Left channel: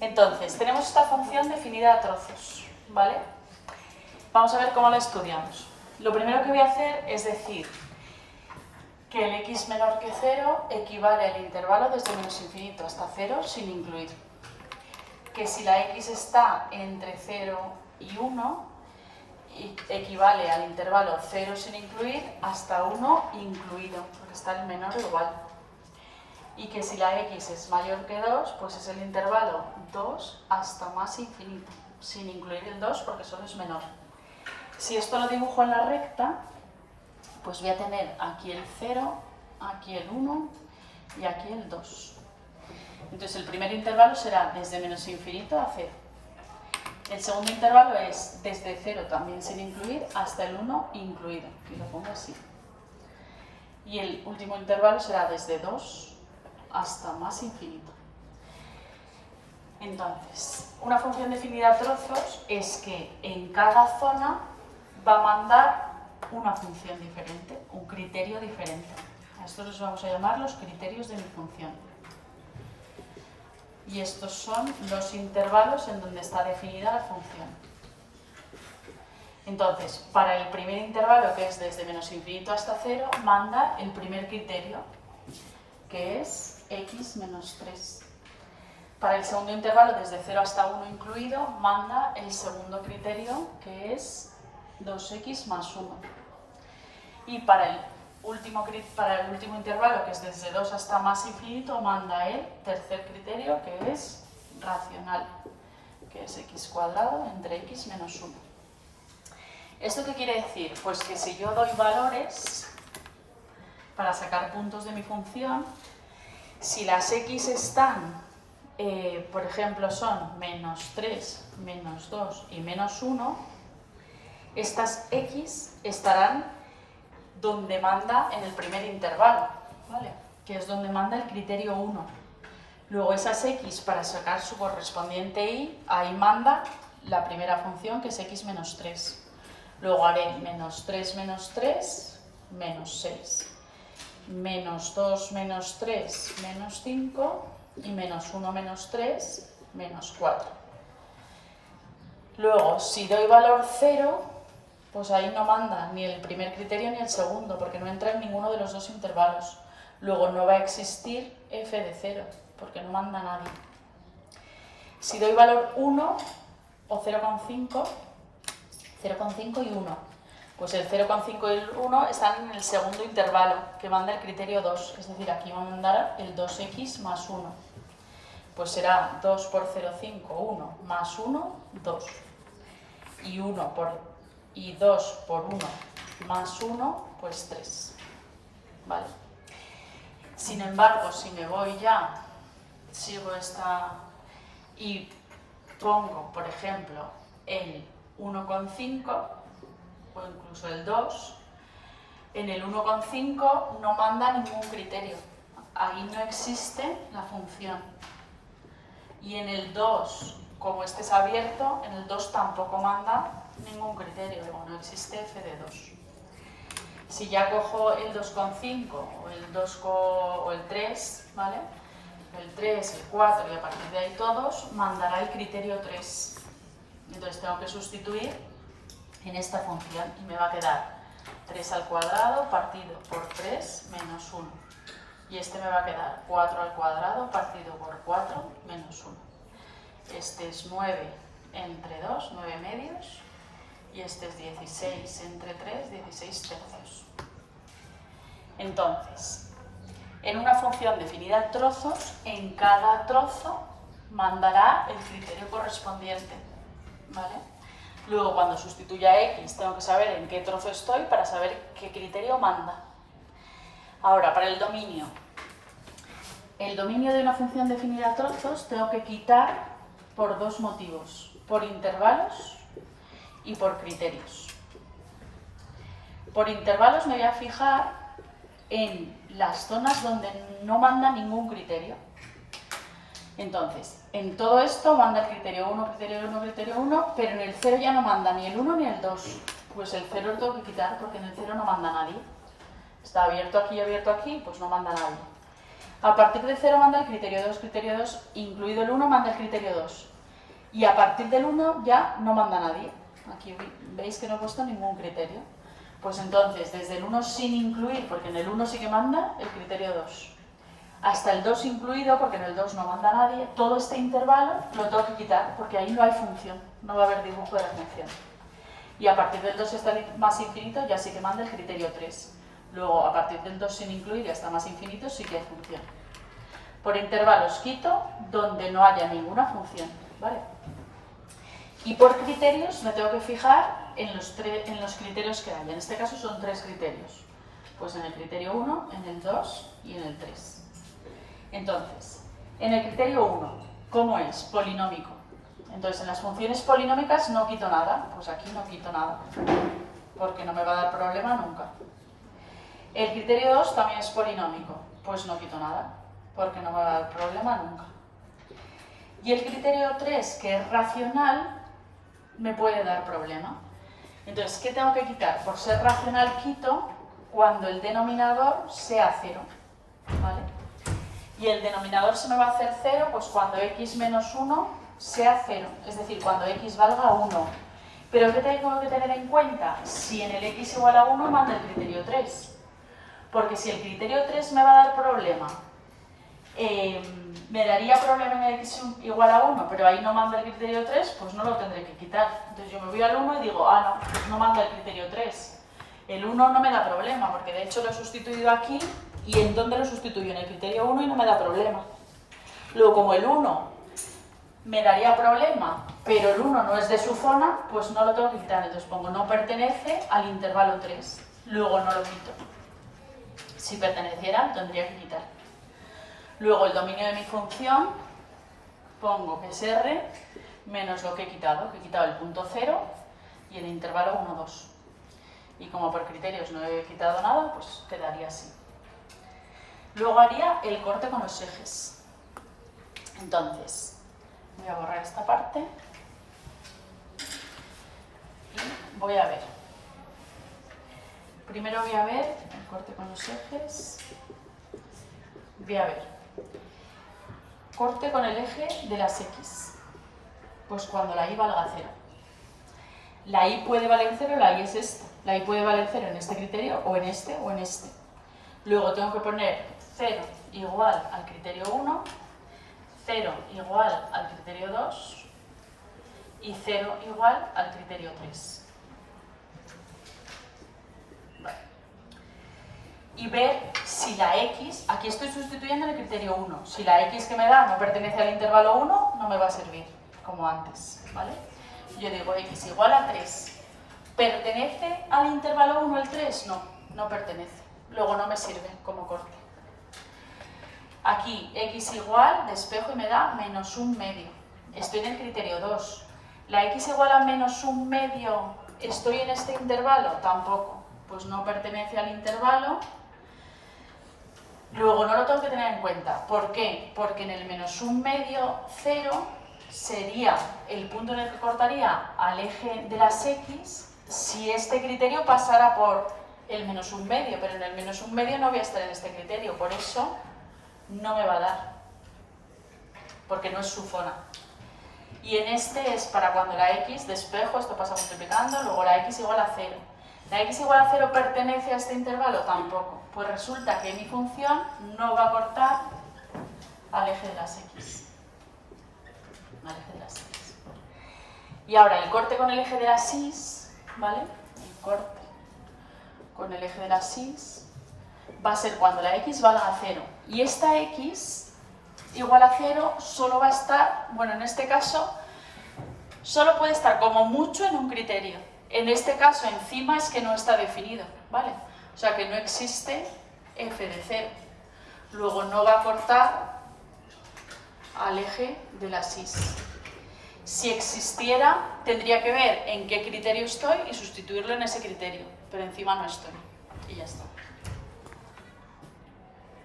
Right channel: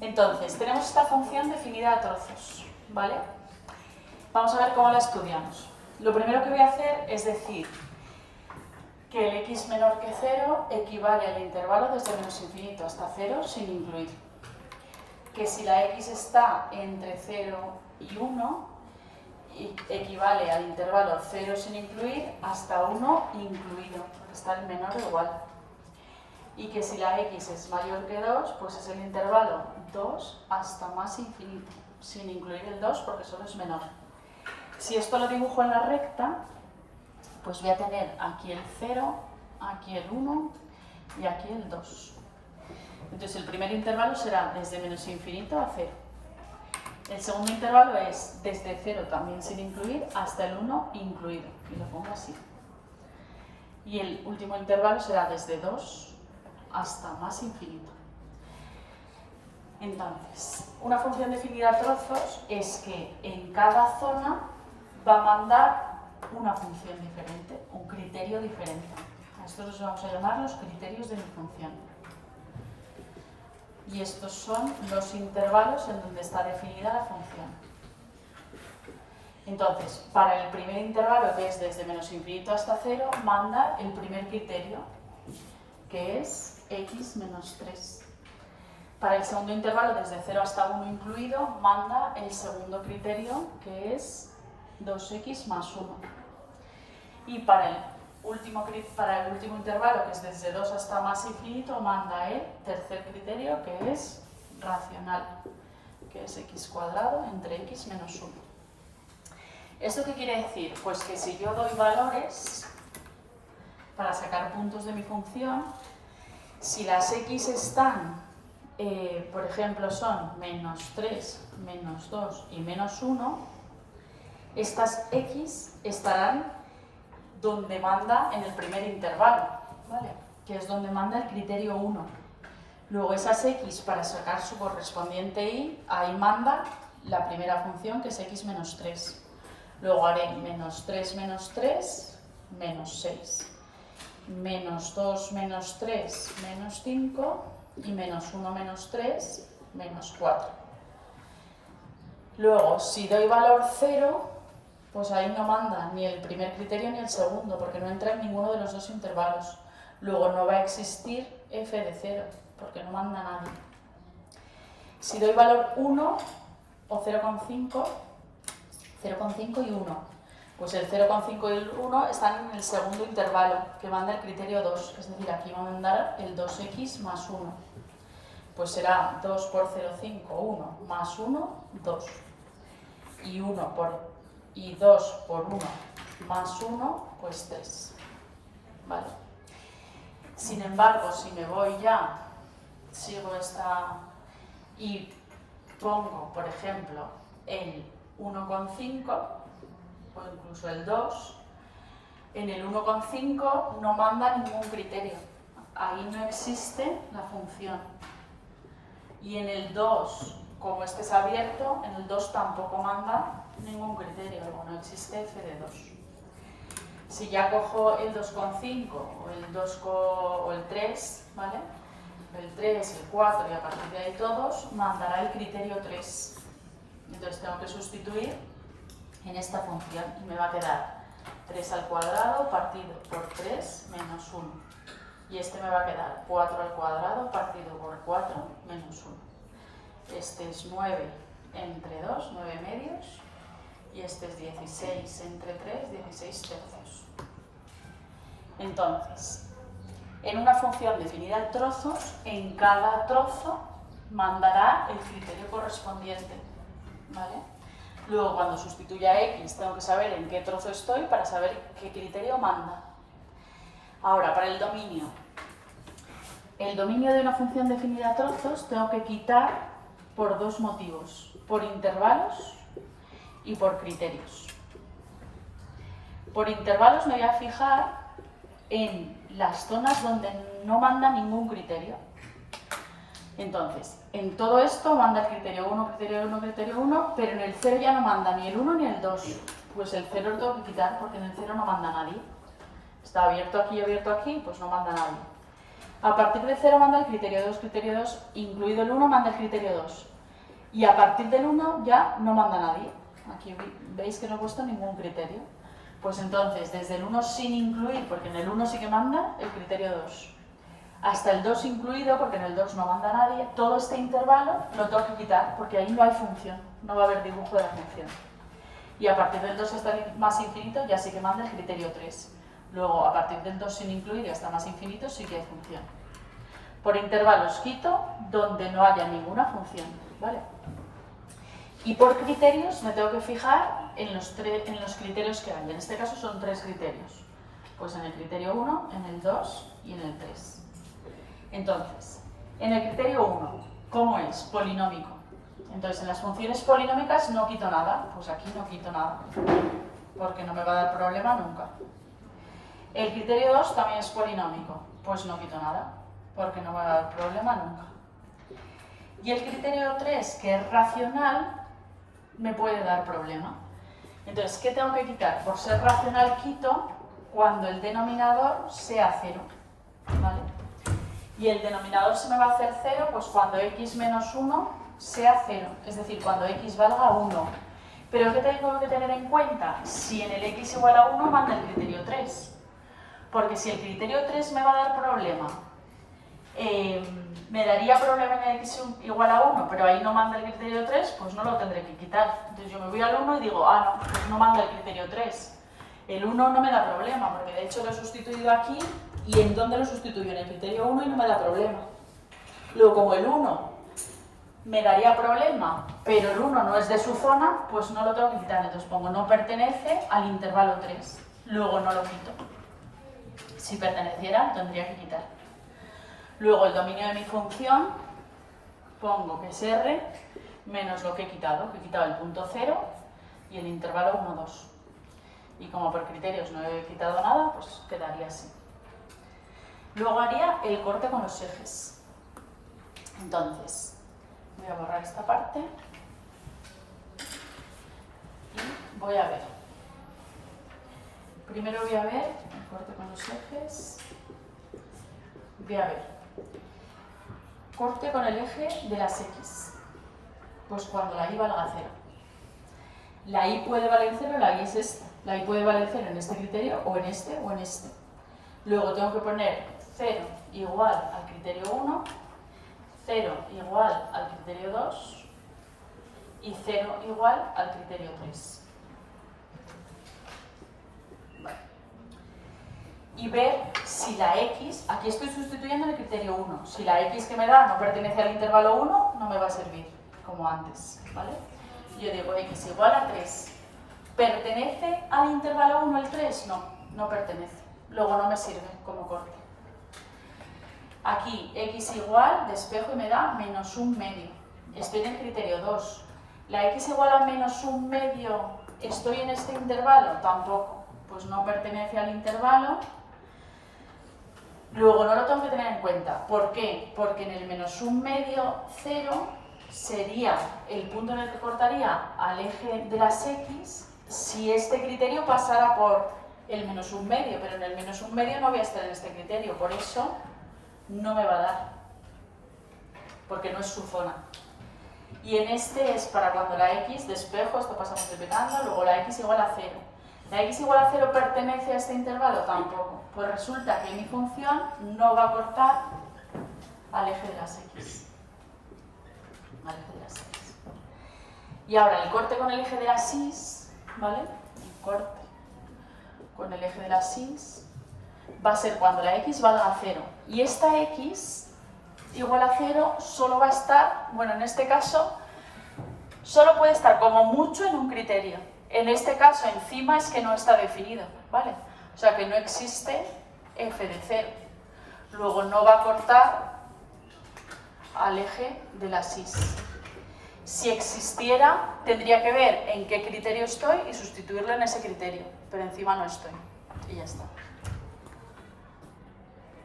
Entonces, tenemos esta función definida a trozos, ¿vale? Vamos a ver cómo la estudiamos. Lo primero que voy a hacer es decir que el x menor que 0 equivale al intervalo desde menos infinito hasta 0 sin incluir. Que si la x está entre 0 y 1, equivale al intervalo 0 sin incluir hasta 1 incluido, porque está el menor igual. Y que si la x es mayor que 2, pues es el intervalo 2 hasta más infinito, sin incluir el 2 porque solo es menor. Si esto lo dibujo en la recta, pues voy a tener aquí el 0, aquí el 1 y aquí el 2. Entonces el primer intervalo será desde menos infinito a 0. El segundo intervalo es desde 0 también sin incluir hasta el 1 incluido, y lo pongo así. Y el último intervalo será desde 2 hasta más infinito. Entonces, una función definida a trozos es que en cada zona va a mandar una función diferente, un criterio diferente. A estos los vamos a llamar los criterios de mi función. Y estos son los intervalos en donde está definida la función. Entonces, para el primer intervalo, que es desde menos infinito hasta 0, manda el primer criterio, que es x menos 3. Para el segundo intervalo, desde 0 hasta 1 incluido, manda el segundo criterio, que es 2x más 1. Y para el último intervalo, que es desde 2 hasta más infinito, manda el tercer criterio, que es racional, que es x cuadrado entre x menos 1. ¿Esto qué quiere decir? Pues que si yo doy valores para sacar puntos de mi función, si las x están, por ejemplo, son menos 3, menos 2 y menos 1, estas x estarán donde manda en el primer intervalo, ¿vale? Que es donde manda el criterio 1. Luego esas x, para sacar su correspondiente y, ahí manda la primera función, que es x menos 3. Luego haré menos 3 menos 3, menos 6. Menos 2 menos 3, menos 5. Y menos 1 menos 3, menos 4. Luego, si doy valor 0, pues ahí no manda ni el primer criterio ni el segundo, porque no entra en ninguno de los dos intervalos. Luego no va a existir f de 0, porque no manda nadie. Si doy valor 1 o 0,5, 0,5 y 1, pues el 0,5 y el 1 están en el segundo intervalo, que manda el criterio 2, es decir, aquí va a mandar el 2x más 1. Pues será 2 por 0,5, 1, más 1, 2. Y 2 por 1 más 1, pues 3. ¿Vale? Sin embargo, si me voy ya, sigo esta y pongo, por ejemplo, el 1,5 o incluso el 2, en el 1,5 no manda ningún criterio. Ahí no existe la función. Y en el 2, como este es abierto, en el 2 tampoco manda ningún criterio, luego no existe f de 2. Si ya cojo el 2,5 o el 2 o el 3, ¿vale? El 3, el 4 y a partir de ahí todos, mandará el criterio 3. Entonces tengo que sustituir en esta función y me va a quedar 3 al cuadrado partido por 3 menos 1. Y este me va a quedar 4 al cuadrado partido por 4 menos 1. Este es 9 entre 2, 9 medios. Y este es 16 entre 3, 16 tercios. Entonces, en una función definida a trozos, en cada trozo mandará el criterio correspondiente, ¿vale? Luego, cuando sustituya x, tengo que saber en qué trozo estoy para saber qué criterio manda. Ahora, para el dominio de una función definida a trozos tengo que quitar por dos motivos, por intervalos y por criterios. Por intervalos me voy a fijar en las zonas donde no manda ningún criterio. Entonces, en todo esto manda el criterio 1, criterio 1, criterio 1, pero en el 0 ya no manda ni el 1 ni el 2. Pues el 0 lo tengo que quitar porque en el 0 no manda nadie. Está abierto aquí y abierto aquí, pues no manda nadie. A partir de 0 manda el criterio 2, incluido el 1 manda el criterio 2. Y a partir del 1 ya no manda nadie. Aquí veis que no he puesto ningún criterio. Pues entonces, desde el 1 sin incluir, porque en el 1 sí que manda el criterio 2, hasta el 2 incluido, porque en el 2 no manda nadie, todo este intervalo lo tengo que quitar, porque ahí no hay función, no va a haber dibujo de la función. Y a partir del 2 hasta el más infinito ya sí que manda el criterio 3. Luego, a partir del 2 sin incluir y hasta más infinito sí que hay función. Por intervalos quito donde no haya ninguna función, ¿vale? Y por criterios me tengo que fijar en los criterios que hay. En este caso son 3 criterios. Pues en el criterio 1, en el 2 y en el 3. Entonces, en el criterio 1, ¿cómo es? Polinómico. Entonces, en las funciones polinómicas no quito nada. Pues aquí no quito nada, porque no me va a dar problema nunca. El criterio 2 también es polinómico. Pues no quito nada, porque no me va a dar problema nunca. Y el criterio 3, que es racional, me puede dar problema. Entonces, ¿qué tengo que quitar? Por ser racional quito cuando el denominador sea 0, ¿vale? Y el denominador se me va a hacer 0 pues cuando x menos 1 sea 0, es decir, cuando x valga 1. Pero ¿qué tengo que tener en cuenta? Si en el x igual a 1 manda el criterio 3. Porque si el criterio 3 me va a dar problema, me daría problema en el x igual a 1, pero ahí no manda el criterio 3, pues no lo tendré que quitar. Entonces yo me voy al 1 y digo, ah, no, pues no manda el criterio 3. El 1 no me da problema, porque de hecho lo he sustituido aquí, ¿y en dónde lo sustituyo? En el criterio 1 y no me da problema. Luego, como el 1 me daría problema, pero el 1 no es de su zona, pues no lo tengo que quitar. Entonces pongo no pertenece al intervalo 3. Luego no lo quito. Si perteneciera, tendría que quitar. Luego el dominio de mi función, pongo que es R menos lo que he quitado el punto 0 y el intervalo 1, 2. Y como por criterios no he quitado nada, pues quedaría así. Luego haría el corte con los ejes. Entonces, voy a borrar esta parte y voy a ver. Primero voy a ver el corte con los ejes. Voy a ver. Corte con el eje de las x. Pues cuando la y valga 0. La y puede valer 0, la y es esta. La y puede valer 0 en este criterio o en este o en este. Luego tengo que poner 0 igual al criterio 1, 0 igual al criterio 2 y 0 igual al criterio 3. Vale. Y ver si la x, aquí estoy sustituyendo el criterio 1, si la x que me da no pertenece al intervalo 1, no me va a servir, como antes, ¿vale? Yo digo x igual a 3. ¿Pertenece al intervalo 1 el 3? No, no pertenece. Luego no me sirve como corte. Aquí x igual, despejo y me da menos 1/2. Estoy en el criterio 2. ¿La x igual a menos 1/2 estoy en este intervalo? Tampoco. Pues no pertenece al intervalo. Luego no lo tengo que tener en cuenta. ¿Por qué? Porque en el menos 1/2, 0, sería el punto en el que cortaría al eje de las x si este criterio pasara por el menos 1/2, pero en el menos 1/2 no voy a estar en este criterio, por eso no me va a dar, porque no es su zona. Y en este es para cuando la x, despejo, esto pasa multiplicando, luego la x igual a 0. ¿La x igual a 0 pertenece a este intervalo? Tampoco. Pues resulta que mi función no va a cortar al eje de las x. Al eje de las x. Y ahora el corte con el eje de las y, ¿vale? El corte con el eje de las y va a ser cuando la x valga a 0. Y esta x igual a 0 solo va a estar, bueno, en este caso, solo puede estar como mucho en un criterio. En este caso, encima es que no está definido, ¿vale? O sea que no existe f de 0. Luego no va a cortar al eje de las y. Si existiera, tendría que ver en qué criterio estoy y sustituirlo en ese criterio, pero encima no estoy. Y ya está.